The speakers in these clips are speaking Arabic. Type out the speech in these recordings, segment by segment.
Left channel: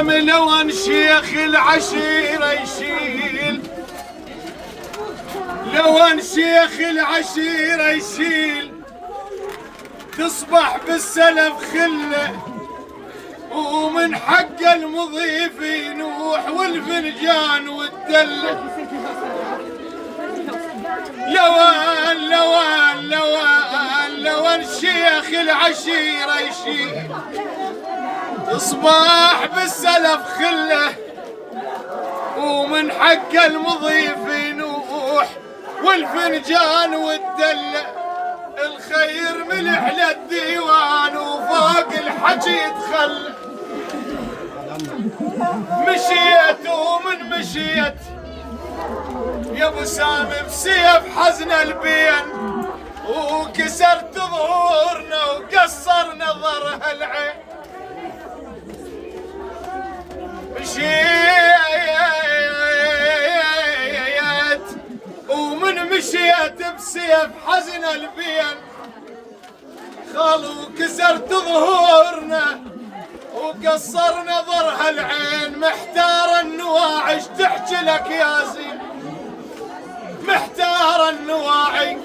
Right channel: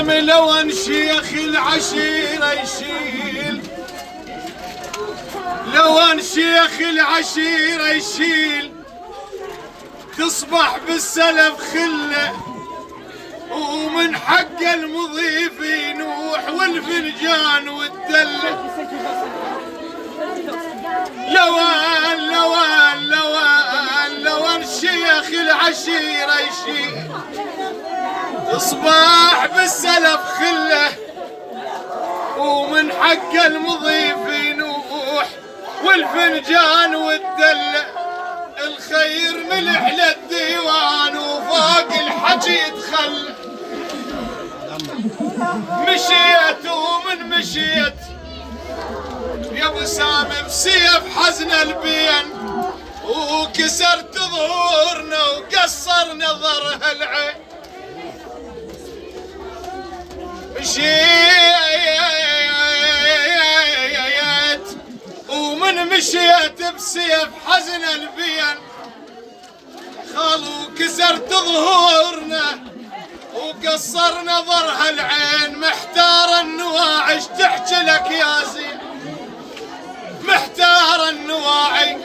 لون شيخ العشيرة يشيل، لون شيخ العشيرة يشيل، تصبح بالسلف خله، ومن حق المضيف ينوح والفنجان والدله. لون لون لون لون شيخ العشيرة يشيل، تصبح بالسلف خله، ومن حق المضيف ينوح والفنجان والدله. الخير ملح للديوان وفوق الحكي يتخلى. مشيت ومن مشيت يا ابو سامي بسيف حزن البين، وكسرت ظهورنا وقصر نظرها العين. مشيت ومن مشيت بسيف حزن البين، خالو كسرت ظهورنا وقصر نظرها العين. محتار النواعي اش تحكي لك يا زين، محتار النواعي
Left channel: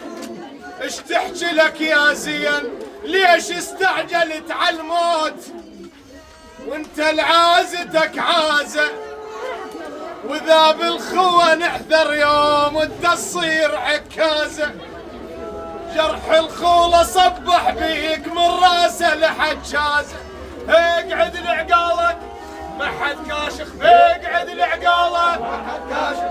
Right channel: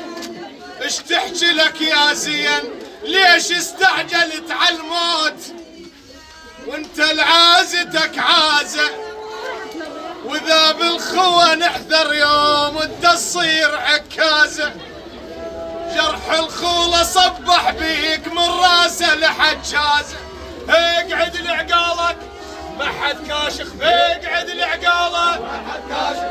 اش تحكي لك يا زين. ليش استعجلت على الموت وانت لعازتك عازة، وذا بالخوة نحذر يوم وانت تصير عكازة. جرح الخولة صبح بيك من راسه لحجازة. اقعد لعقالك ما حد كاشف، اقعد لعقالك ما حد كاشف.